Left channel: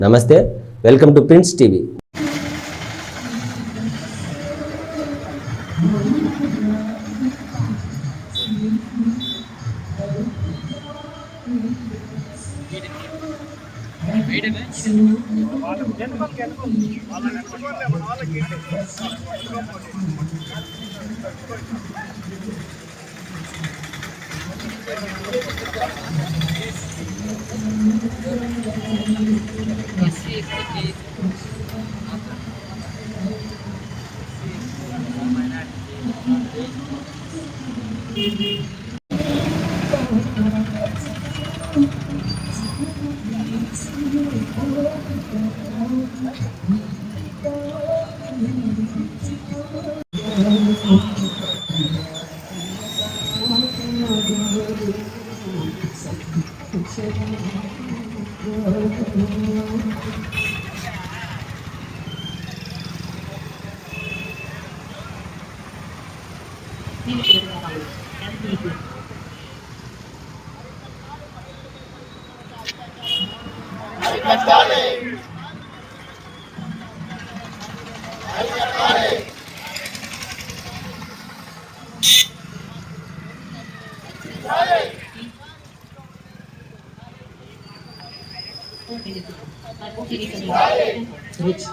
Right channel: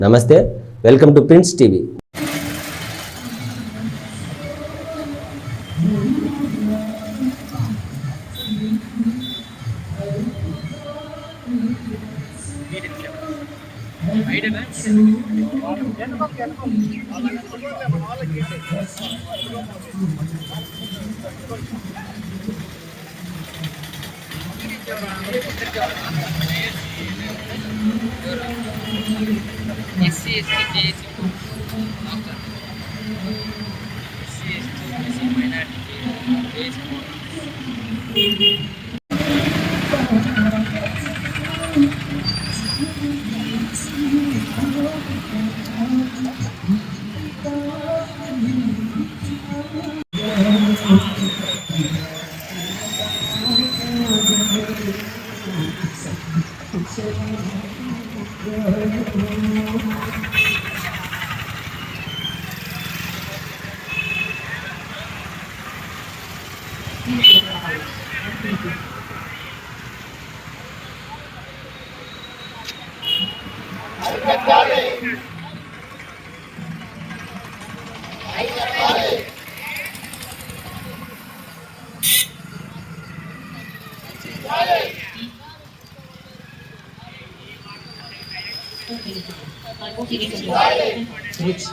నమస్తే welcome to prince TV Thank you. SC ST case SC ST minority case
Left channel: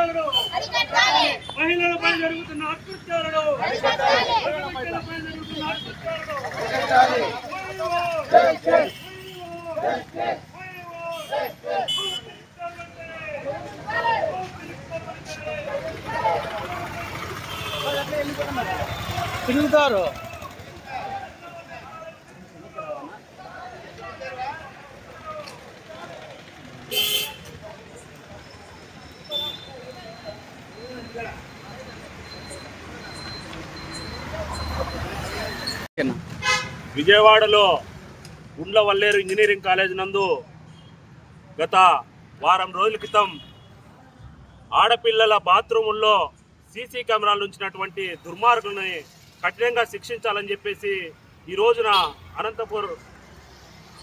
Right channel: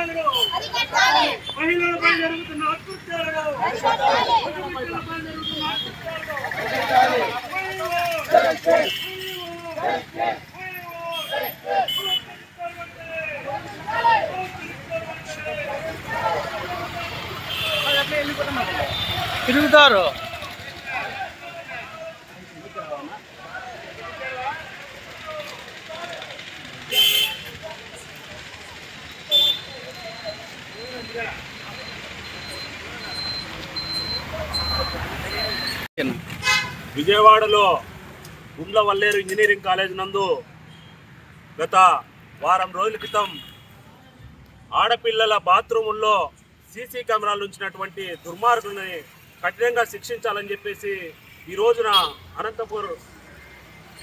అత్యాచారాలు మహిళలపై జరుగుతున్న అత్యాచారాలు మహిళలపై జరుగుతున్న అత్యాచారాలు తిరుగుతారు. విజయవాడలో గుండ్ల వల్లేరు ఇంజనీరింగ్ కాలేజ్ నందు గత వారం రోజుల క్రితం ఆడపిల్లల బాత్రూముల్లో సీసీ కెమెరాలు ఉంచినటువంటి దుర్మార్గుల్ని కఠినంగా శిక్షించాలని చెప్పేసి ఈ రోజున అనంతపూర్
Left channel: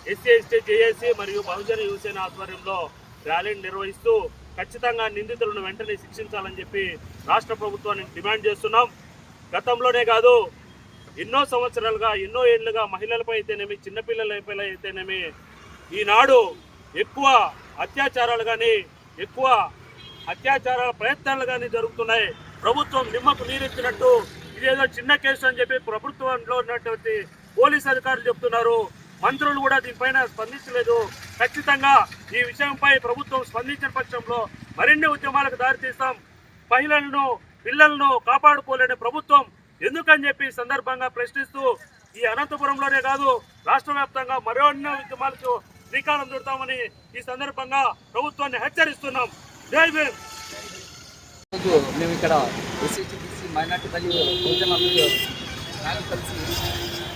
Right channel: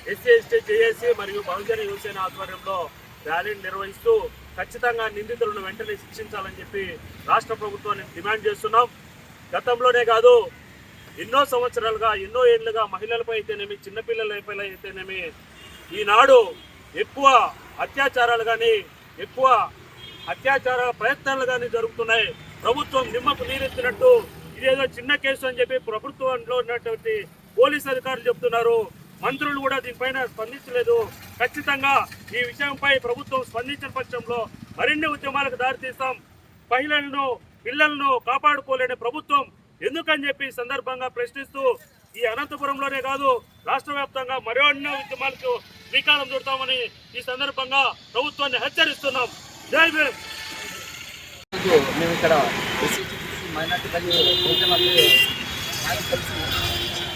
ఎస్సీ ఎస్టీ జేఏసీ మరియు బహుజన యువసేన ఆధ్వర్యంలో ర్యాలీని నిర్వహిస్తూ ఖచ్చితంగా నిందితులను వెంటనే శిక్షించాలని చెప్పి రాష్ట్ర ప్రభుత్వాన్ని డిమాండ్ చేస్తున్నాం. గతంలోనే కాదు ఎన్నో సంవత్సరాలుగా ఎన్నో ఏళ్ళుగా మహిళలపై అయితేనేమి చిన్నపిల్లలపై అయితేనేమి ఈనాడు ఎక్కువ అత్యాచారాలు కానీ ఎక్కువ అత్యాచారాల ప్రయత్నాలు కానీ జరుగుతున్నాయి. ప్రభుత్వం నిమ్మకు నీరెత్తినట్టు ఇదేదో చిన్న కేసు అని చెప్పి ప్రభుత్వంలో ఉన్నటువంటి పోలీస్ అధికారులు చెప్తున్నారు. మంత్రులు కూడా దీనిపైన స్పందించలేదు. ఖచ్చితంగా ఈ విషయంపై ప్రభుత్వం స్పందించిన పక్షంలో మరిన్ని ఉద్యమాలకు దారితీస్తాం. మహిళలను పిల్లలను కాపాడుకోలేని ప్రభుత్వం ఎందుకని చెప్పి సందర్భంగా ప్రశ్నిస్తూ ఈ అనంతపురంలోనే కాదు రాష్ట్ర వ్యాప్తంగా మరో ఉద్యమాలకు శ్రీకారం చుడతామని ఈ సందర్భంగా ప్రభుత్వాన్ని హెచ్చరిస్తున్నాం. జై భీమ్! మేము ఇక్కడ మైనార్టీ కలిసి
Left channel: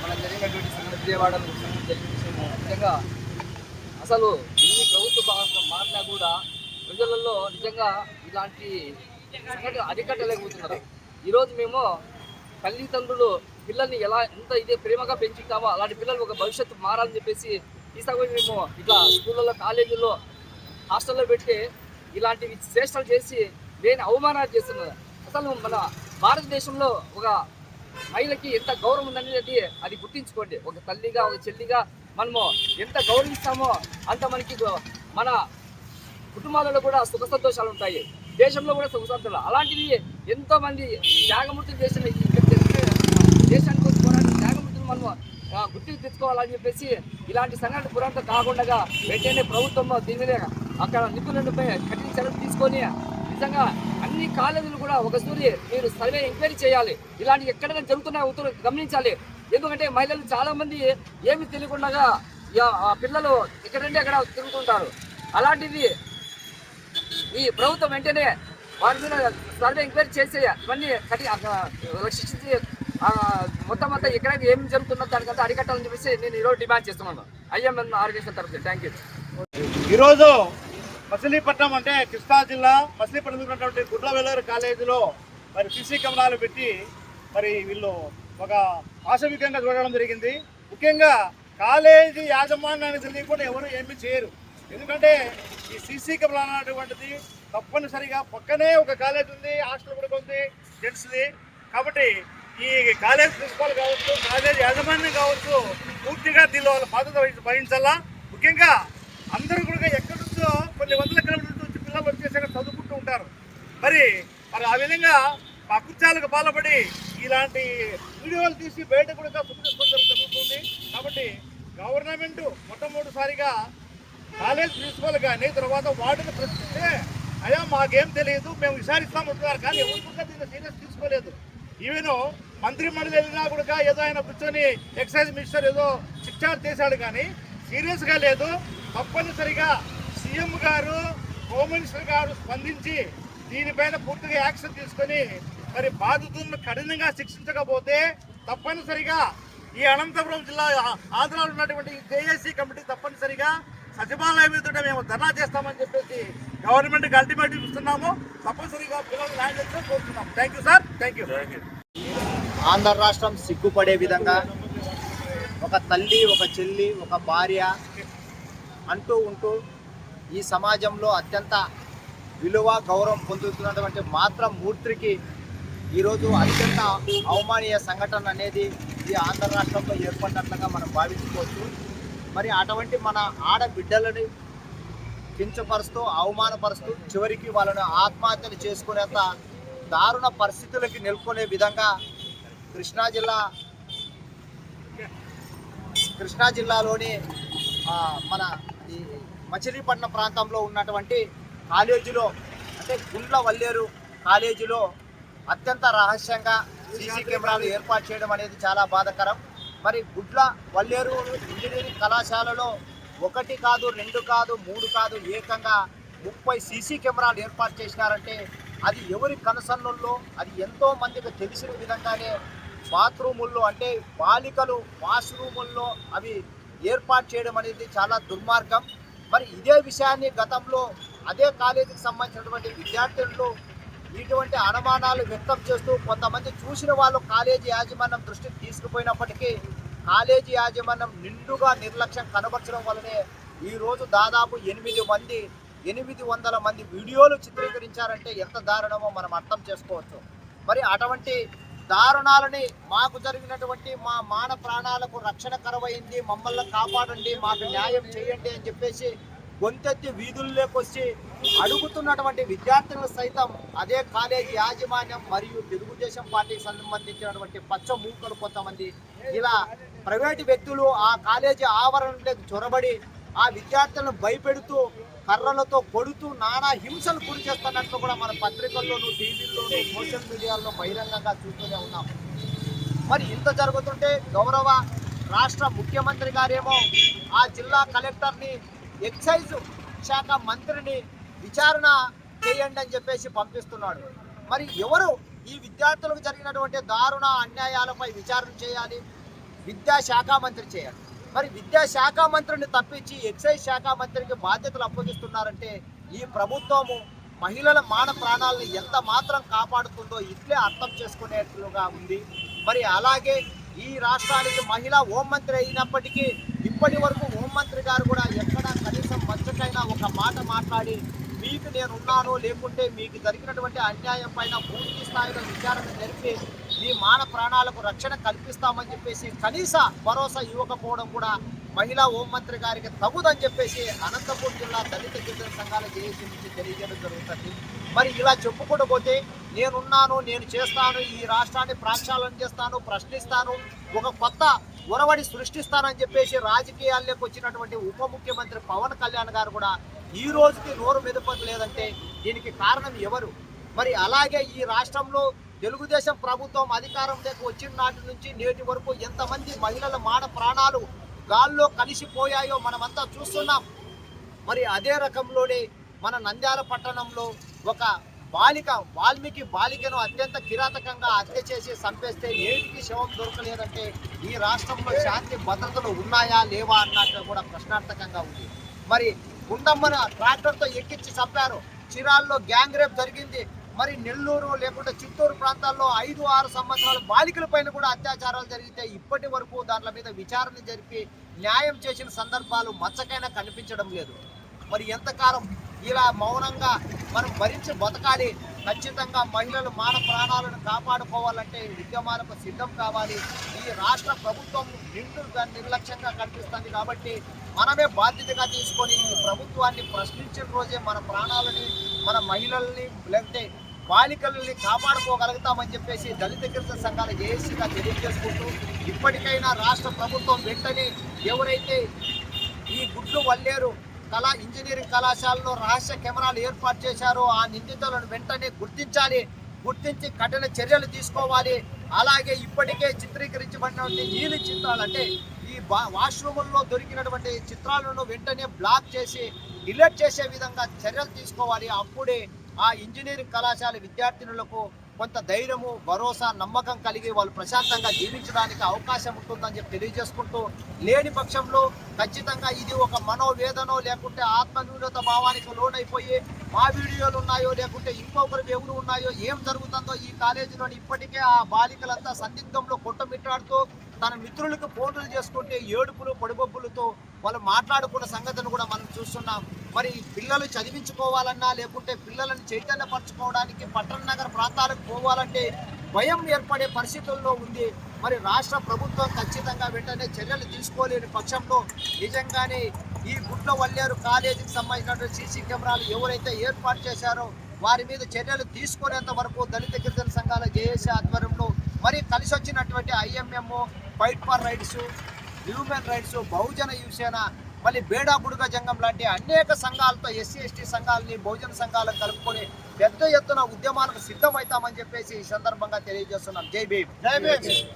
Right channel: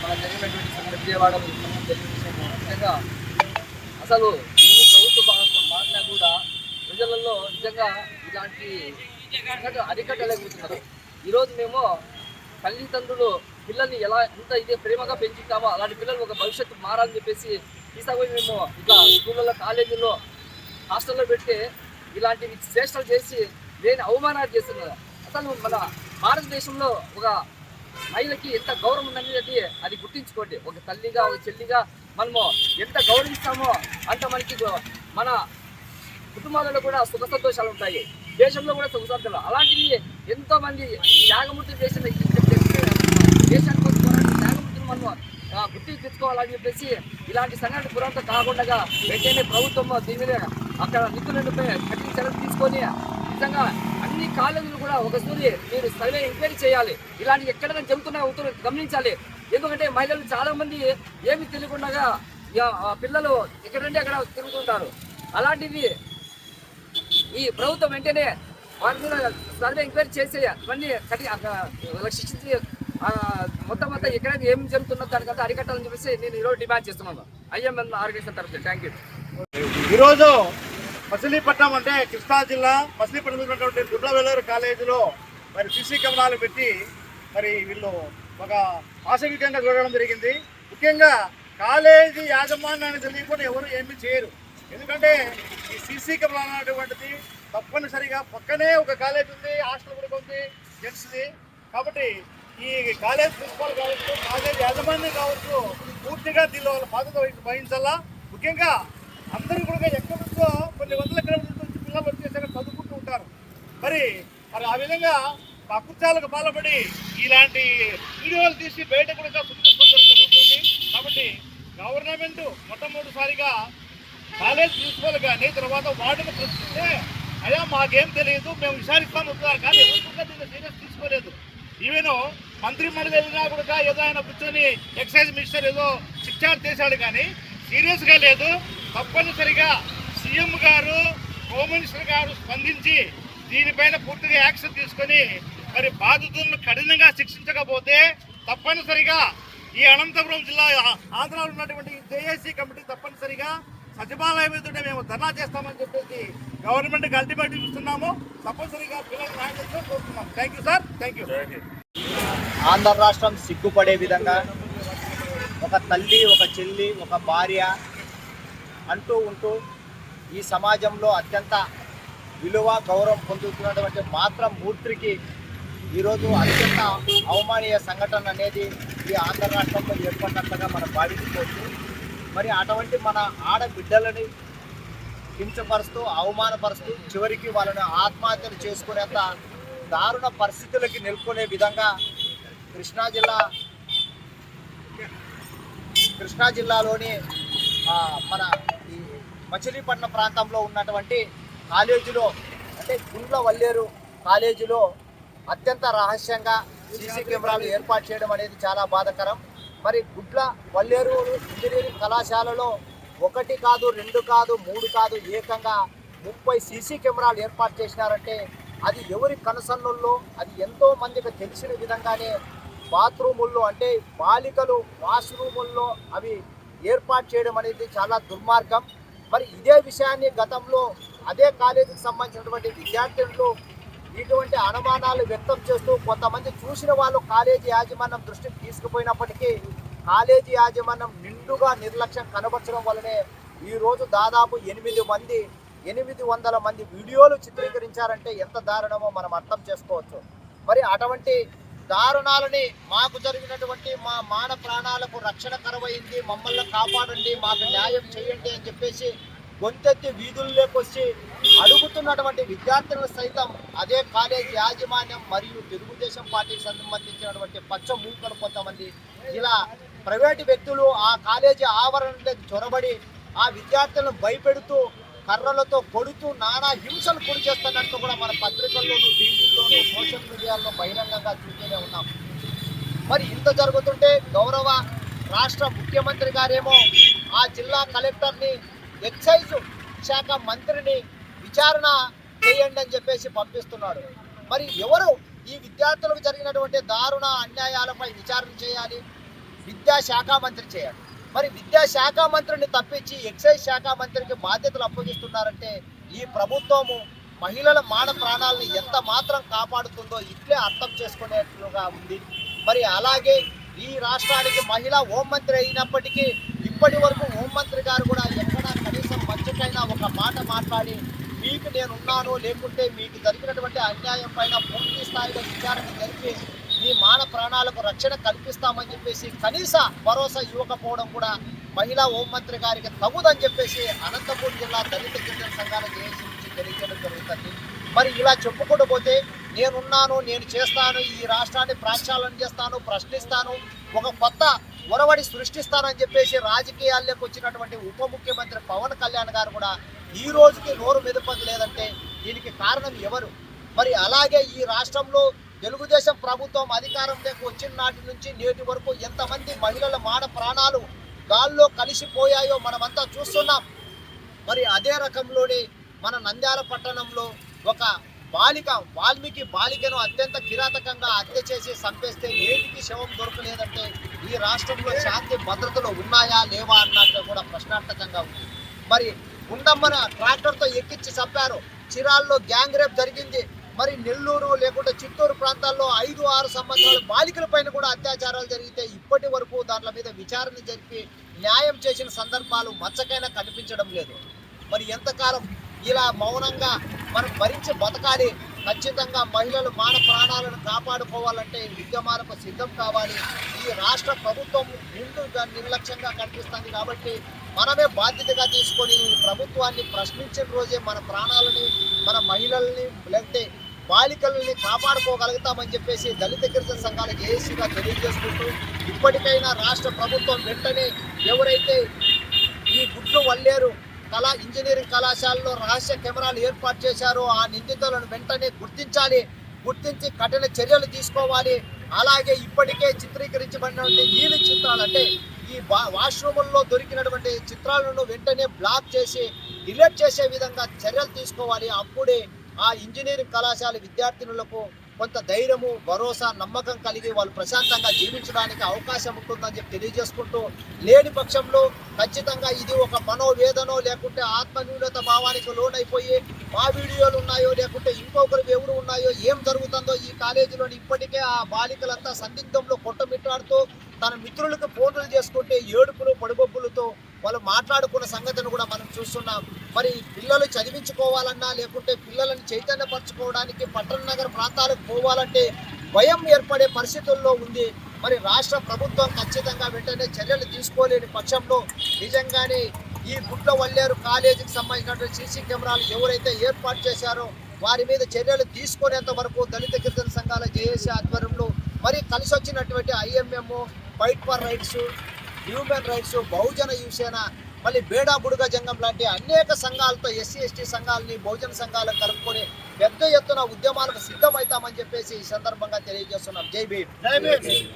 మన జరిగినటువంటి విజయవాడలో జరిగిన నిజంగా అసలు ఎన్ని ప్రభుత్వ భాగంగా మారినా కూడా ప్రజలలో నిజంగా ఇలాంటి సంఘటన అరికట్టలేకపోతున్నారు. ఈరోజు మేము తల్లిదండ్రులు పిల్లల్ని ఎలా ఎంత ఇదే ప్రేమగా పెంచుతామో అలాంటి పిల్లలు ఒక భవిష్యత్తు మారాలని చెప్పేసి తీసుకుపోయి మేము ఇట్లా స్కూళ్ళలో కాలేజీల్లో హాస్టల్లో పెట్టి ఇలాంటివి చేష్టలు చేసి లేని అవమానాలు చేస్తున్నారు అసలు మన భారతదేశంలో ఒక మహిళకి ఎంత గౌరవం ఉందనేది అది గుర్తించుకోండి. ఒక తల్లిగా ఒక చెల్లిగా మనము ఎంత గౌరవిస్తామో అంత మనకి మన కుటుంబాలలో కూడా సుఖ సంతోషాలు ఉంటాయి. దేశంలో కూడా సుఖ సంతోషాలు. అలాంటివి ఎంతోమంది త్యాగమూర్తి చేసిన ఈ దేశానికి కోసం పోరాడిన త్యాగమూర్తులు మనము గుర్తింపు తెచ్చుకోవాలని చెప్పేసి ఇలాంటి సంఘటన పురాంతం కాకుండా ఏదైనా ప్రభుత్వం దీని మీద అక్కడ నిధులపై కఠిన చర్యలు తీసుకొని నిజంగా అన్ని కాలేజీలు కూడా ఒక సూరి మీరు సర్వే ఎంక్వైరీ చేయాలి. ఇలాంటి ఎక్కడైనా జరుగుతున్న ఉత్తర్వులు గమనించాలి. ఎందుకంటే మహిళలు చాలామంది ఏమి తెలియకుండా ఆ పిల్లలు ఎక్కడంటే అక్కడ తిరుగుతుంటారు. అలాంటిది ఈ ప్రభుత్వం వెంటనే వారి మీద సర్వే ఎంక్వైరీ చేసి ఇవన్నీ కఠిన శిక్షించి మొత్తం మొత్తం అంతా ఎక్కడ ఏం జరుగుతుందో దానికంతా అరికట్టాలని చెప్పేసి నేను ఈరోజు డిమాండ్ చేస్తున్నాను. ఐఎంఎన్ ఆర్గనైజేషన్ తరఫు థ్యాంక్ యూ ఈరోజు మచిలీపట్నం అంటే కృష్ణా జిల్లా మచిలీపట్నం ఉన్నటువంటి కాలేజీలో మరి సిసి కెమెరాలు పెట్టి మరి వీళ్ళు ఒక ఆశవికంగా చూడడం జరిగింది. ముఖ్యంగా కాలేజీ యాజమాన్యాన్ని తెలియకుండా ఎవరు ఏమీ చేయరు. ఎందుకంటే ఈ సీసీ కెమెరా అనేటువంటిది తప్పనిసరిగా పక్కనే ఒక కాలేజ్ ఉంది హాస్టల్ కూడా ఉంది జెంట్స్ది. కాబట్టి ఈ కాలేజ్ ప్రిన్సిపల్ కావచ్చు కాలేజ్ యాజమాన్యం కావచ్చు పూర్తిగా దీనిలో వాళ్ళ బాధ్యత వహించాలా? ముఖ్యంగా అందరూ కూడా ఎక్కడి నుంచో కొన్ని వందల కిలోమీటర్ల నుంచి పిల్లలు వచ్చేసాక చదువుకుంటూ ఉంటారు. మరి మరి ఆ విధంగా అకృత్యాలకు పాల్పడి ఇలాంటి వీడియోలు తీసి బయట కూడా చూపించుకోవడం జరుగుతుంది. కాబట్టి గవర్నమెంట్ మొట్టమొదటిసారిగా కాలేజ్ ప్రిన్సిపల్ కానీ తర్వాత వార్డును ప్రశ్నిస్తే అయ్యా మాకేం తెలియదు మేము విచారిస్తాం ఉంటున్నారు కానీ ఎవరు కూడా దీన్ని సీరియస్ తీసుకోలేదు. ఈవెను మంత్రి మండలి వెళ్ళినా కూడా ఏదో ఆయన కూర్చొని ఎక్సైజ్ మినిస్టర్ ఏదో శిక్షణ చేశాడు కానీ సీరియస్గా లేదు. తప్పనిసరిగా సీఎం గారు హోమ్ మినిస్టర్ గారు స్పందించి దీనిపైన పూర్తిగా యాక్షన్ తీసుకొని మరి బాధితులను కఠినంగా శిక్షించకపోతే తప్పనిసరిగా ఈ అనంతపురం జిల్లా ఆ- ఆంధ్రాలో ఉన్నటువంటి జేఏసీ కమిటీ తప్పనిసరిగా సచివాలయం ఎదుట మేము ధర్నా చేస్తామని చెప్పేసి గవర్నమెంట్కి అల్టిమేటివ్ ఇస్తున్నాము. తప్పనిసరిగా పిల్లలు న్యాయం thank you sir thank you Andhra రాష్ట్రం సిగ్గుపడే విధంగా ఒక తల్లి ఒక చెల్లి ఒక భార్య అంటూ ఉంటూ ఈ సమాజంలో అత్యంత విలువ గౌరవం పొందుతున్నటువంటి మాత్రం మూర్తికి ఈరోజు అత్యంత అవమానీయ సంఘటన అనేది ఈ ఆంధ్ర రాష్ట్రంలో ఏర్పడినట్లుగా మనం భావించుకోవచ్చు. మరి అటువంటి మన ఆడబిడ్డలని కించపరుస్తూ అవమానపరుస్తూ చివరికి వాళ్ళని ఆత్మహత్యలు చేసుకునేంత దారుణ పరిస్థితులకి నిలుపుకునే విధంగా కృష్ణా జిల్లా కృష్ణా జిల్లాలోని మన ఈ మచిలీపట్నం ప్రాంతంలో ఉన్నటువంటి కాలేజీలో అంటే గుండ్ల వల్లేరు కాలేజీలో అత్యంత రహస్యంగా సీసీ కెమెరాలు ఏర్పాటు చేయడం అనేది చాలా బాధాకరం. మరి గుడ్ల వల్లేరు ఇంజనీరింగ్ కళాశాలలో ఒకటి కాదు రెండు కాదు మూడు కాదు ఏకంగా ముప్పై సీసీ కెమెరాలు ఏర్పాటు చేసినారంటే అది ఎవరి కనసన్నుల్లో అది ఎంతో మందికి తెలిసిన విధంగానే బాత్రూముల్లో అంటే బాలికలు వాష్రూముల్లో అవి ఏర్పాటు చేయడం అనేది చాలా దుర్మార్గం. మరి ఇదే విషయాన్ని గతంలో అదే కాలేజీకి సంబంధించినటువంటి విద్యార్థులు ఇటువంటి అనుమానాలు వ్యక్తం చేస్తూ కొంతమంది చూసిన వాళ్ళు కాలేజీ యాజమాన్యం దృష్టికి తీసుకుపోయినప్పటికీ కాలేజీ యాజమాన్యం నిండుగా నిర్లక్ష్యం కనబరచడం వల్లనే ఈరోజు దాదాపు ఎనిమిది మంది ఎనిమిది వందల మంది వీడియోలు చిత్రీకరించారంటే ఎంత దారుణమో మనం అర్థం చేసుకోవచ్చు. మరి అటువంటి దారుణాలని మాకు జరిగినటువంటి మా మాన ప్రాణాలకు రక్షణ కరవైంది మమ్మల్ని కాపాడండి మాకు న్యాయం చేయండి అని చెప్పేసి గొంతెత్తి వీధుల్లోకి వచ్చి అడుగుతున్నటువంటి విద్యార్థులు సైతం అదే కాలేజీ యాజమాన్యం మరియు తెలుగుదేశం పార్టీకి సంబంధించినటువంటి పచ్చ మూకలు కొంతమంది ఇలా ప్రైవేటు వ్యక్తులు ఆ కాలేజీ ఆవరణలోకి చొరబడి ఆ విద్యార్థులను భయపెడుతూ కర్రలతో కొడుతూ నానా హింసలు గురి చేస్తున్నట్లు కూడా మన పత్రికల్లోనూ టీవీల్లోనూ సోషల్ మీడియాలో బహిరంగంగా చూస్తూనే ఉన్నాం. మరి ఇంత జరుగుతుంటే గౌరవ రాష్ట్ర ముఖ్యమంత్రి గారేమో ఆ జిల్లా కలెక్టర్ని ఎక్సైజ్ శాఖ మంత్రిని విచారణ చేయండి అని చెప్పేసి పంపిస్తున్నాడు. మరి ఎవరు ఈ విద్యార్థులకు జరిగినటువంటి దారుణ అన్యాయాలపై విచారణ చేయాలి? విద్యాశాఖ మంత్రి చేయాలి. మరి విద్యాశాఖ మంత్రిని తప్పించి ఎక్సైజ్ శాఖ మంత్రికి బాధ్యతలు అప్పగిస్తున్నారంటే ఈ ప్రభుత్వము మహిళల మాన ప్రాణాలను ఎంత మాత్రం కాపాడుతుందో ఇట్లే అర్థం చేసుకునేట్లుగా ఉంది. మరి అలాగే ఈ రాష్ట్రానికి మహిళా హోంమంత్రి అయినప్పటికీ ఇప్పటి వరకు హోంమంత్రి గారు కూడా ఎక్కడ మధ్యకైనా ఒక మాట మాట్లాడి మీకు నేను ఉన్నాను లేకుంటే మీకు జరిగినటువంటి అన్యాయం పైన పూర్తి స్థాయిలో విచారణ జరిపి మీ మాన ప్రాణాలకు రక్షణ కల్పిస్తామని చెప్పేసి కనీస భరోసా ఇవ్వకపోవడం కూడా మహిళా హోంమంత్రి గారికి తగుదని చెప్పేసి అనంతపూర్ జిల్లా దళిత గిరిజన సంఘాల జేఏసీ నుంచి తెలియజేయడం జరుగుతుంది. మరి ఇలా చెప్పుకుంటూ పోతే నేనున్నాను నేను చేస్తాను ఈ రాష్ట్రాన్ని ప్రాక్షాళన చేస్తాను ప్రశ్నిస్తాను ఒక కొత్త ఒరవడి సృష్టిస్తానని చెప్పేసి రాజకీయాల్లోకి వచ్చినటువంటి ఉప ముఖ్యమంత్రి పవన్ కళ్యాణ్ గారు కూడా ఈ రోజుకి నోరు మెదపట్లేదంటే దీనికి కారణం ఎవరు? మరి అలాగే ఈ రాష్ట్రంలో తెలుగుదేశం ప్రభుత్వం అధికారంలోకి వచ్చిన నాటి నుంచి నేటి వరకు ఎంతమంది మహిళల మాన ప్రాణాలు గాల్లో కలిసిపోయాయో మనమంతా చూస్తున్నాం. మరి అదే రకంలోనే మన నంద్యాల పట్టణంలో ఒక బాలిక వాల్మీకి బాలికను అత్యంత కిరాతకంగా హత్య చేసి చంపేస్తే నేటికి శవం దొరకలేదంటే ఈ రాష్ట్రంలో శాంతి భద్రతలు ఉన్నాయా లేవా అన్నట్టు కూడా ప్రశ్నార్థకంగా ఉంది. మరి గుండమ్మన ట్రాక్టర్తో ఎక్కించి చంపారు. చిరాల్లో గ్యాంగ్ రేప్ జరిగింది. మరి నెల్లూరు లేకుంటే చిత్తూరు ప్రాంతాల్లో ఐదు ఆరు సంవత్సరాల బాలికల పైన కూడా అత్యాచారాలు జరిగితే ఇప్పటి వరకు దాంట్ల మీద విచారణ జరిపి న్యాయం చేసిన సందర్భాలు మచ్చకైనా కనిపించడం లేదు. మరి ఎంతకాలం ఇలా మౌనంగా మనం భరించి బతకాలి. ఖచ్చితంగా మహిళలు మాన ప్రాణాలను కాపాడుకోవాలంటే ఉద్యమాలకు సిద్ధం కావాలి. ఈ రాష్ట్ర ప్రభుత్వం నిండు నిర్లక్ష్యంగా కనిపిస్తుంది కాబట్టి మనమే బాధ్యతగా తీసుకొని ఈ ప్రభుత్వాన్ని ప్రశ్నించిన రోజే మన ప్రాణాలని మన మహిళల్ని లేకపోతే బాలికలని కాపాడుకోగలుగుతామని చెప్పేసి దళిత గిరిజన సంఘాల జేఏసీగా తెలియజేసుకుంటూ ఇప్పటికైనా రాష్ట్ర ప్రభుత్వం వెంటనే ఎవరైతే ఈ గుడ్లు వల్లేరు కళా ఇంజనీరింగ్ కళాశాలలో రహస్య కెమెరాలు ఏర్పాటు చేశారు. ఆ నిందితులను వెంటనే గుర్తించాలి. గుర్తించి కఠిన చర్యలు తీసుకోవాలి. అలాగే ఇప్పటికే చిత్రీకరించబడినటువంటి నీలి చిత్రాలు అంటే ఈ వాష్రూముల్లో దొరికినటువంటి చిత్రాలను వెంటనే బ్లాక్ చేసి డిలీట్ చేసే విధంగా చర్యలు తీసుకోవాలి. అప్పుడే ఆ ఇంజనీరింగ్ కళాశాల విద్యార్థినులకు కొంత ధైర్యము భరోసా నమ్మకం కలిగి వాళ్ళు ప్రశాంతంగా జీవించడానికి అవకాశం ఉంటుందని చెప్పి తెలియజేసుకుంటూ లేని పక్షంలో ఖచ్చితంగా ఇది ఒక మనోవేదనో లేకుంటే ఆత్మన్యూనత భావానికి లోనైపోయి మా వీడియోలు ఉన్నాయో లేకుంటే ఇంకొకరు ఎవరు ఉన్నాయో ఏం జరుగుతుందో ఈ కాలేజీలోని ఇప్పటికే ఆ బాలికలంతా సందిగ్ధంలో కొట్టమిట్టాడుతూ తన మిత్రులకు ఫోన్లు చేసుకుంటే ఏడుపులు పొడిబొబ్బులతో వాళ్ళు మాట్లాడుకున్న సంగతిని కూడా మనం చూస్తున్నాం. మరి పిల్లలు చదివించుకోవాలన్నా లేకుంటే పిల్లలను చైతన్యపరచుకోవడానికి పట్టణ నగర ప్రాంతాలకు పోవాలంటే భయం ఏర్పడే పరిస్థితుల్లో ఉంది. మరి రాష్ట్ర ప్రభుత్వం ఖచ్చితంగా వెంటనే చర్యలు తీసుకోలేని పక్షంలో నిజంగానే ఈ గుడ్ల వల్లేరు కాలేజీకి సంబంధించినటువంటి సీసీ కెమెరాలు ఎవరైతే ఏర్పాటు చేశారో వారి మీద చర్యలు తీసుకునేంత వరకు దళిత గిరిజన సంఘాల జేఏసీ ఆధ్వర్యంలో మరి కలిసి వచ్చినటువంటి IMM fight for rights human rights Bahujan Yuvasena మళ్ళీ బేడా బుడుగ జంగం లాంటి అనేక సంఘాలతో ఎస్సీ ఎస్టీ సంఘాలని బహుజన సంఘాలను కలుపుకొని పెద్ద ఎత్తున ఉద్యమాలకు సిద్ధమవుతామని చెప్పేసి ఈ సందర్భంగా తెలియజేస్తున్నాం. జై భీమ్. జై భీమ్.